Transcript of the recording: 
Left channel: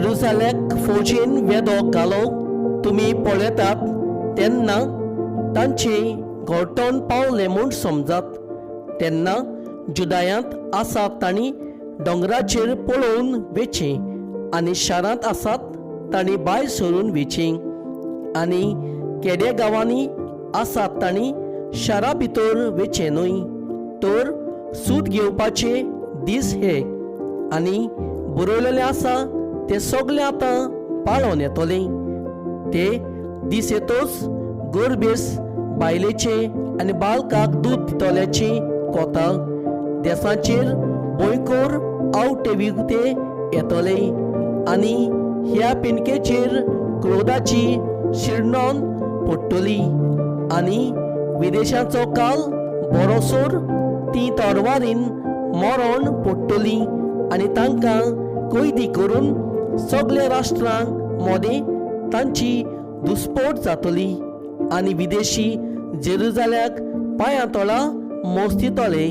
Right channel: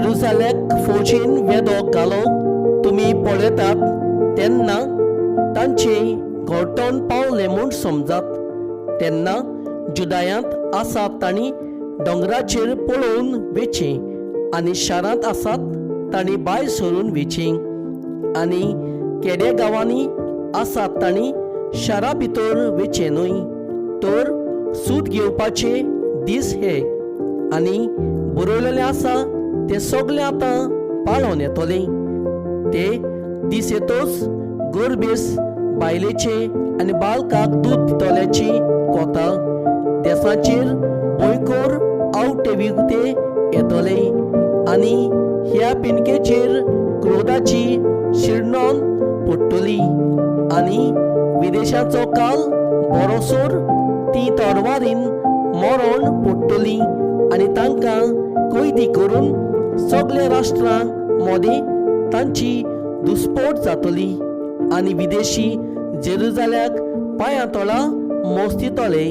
जेरुसालेक फौजेन वेदो घालो तुमी पळयतात तेन्ना तांचे घोळटोन पावले म्हूण समजात। तेन्ना जुदायांत आसात तांणी दोंगराचेर पळोवन वेचें आनी शारांत आसात तांणी भायर सरून वेचें आनी केड्या गांवांनी आसात तांणी शारा भितर वेचें न्हय। तर सूत घेवपाचे दीस हे आनी बरयलेलें आसा ते सगळे आतां पाळोवन येतले। ते दीस येतोच गरबेस बायलेचे आनी बालकाक दूद दितल्याची कोता देसाचेर भयंकर आवटे विगते येतले आनी ह्या पिणकेचेर क्रोधाची शिरनोन पडटली आनी विदेशाचो काल बरोसोर ती तरवारीन मरण पडटली आनी तांकां कैदी करून सगळे राष्ट्रांक मोदें तांची दुस्पोट जातली आनी विदेशी जेरुसाल्याक पांयां तळा मोस्तितले।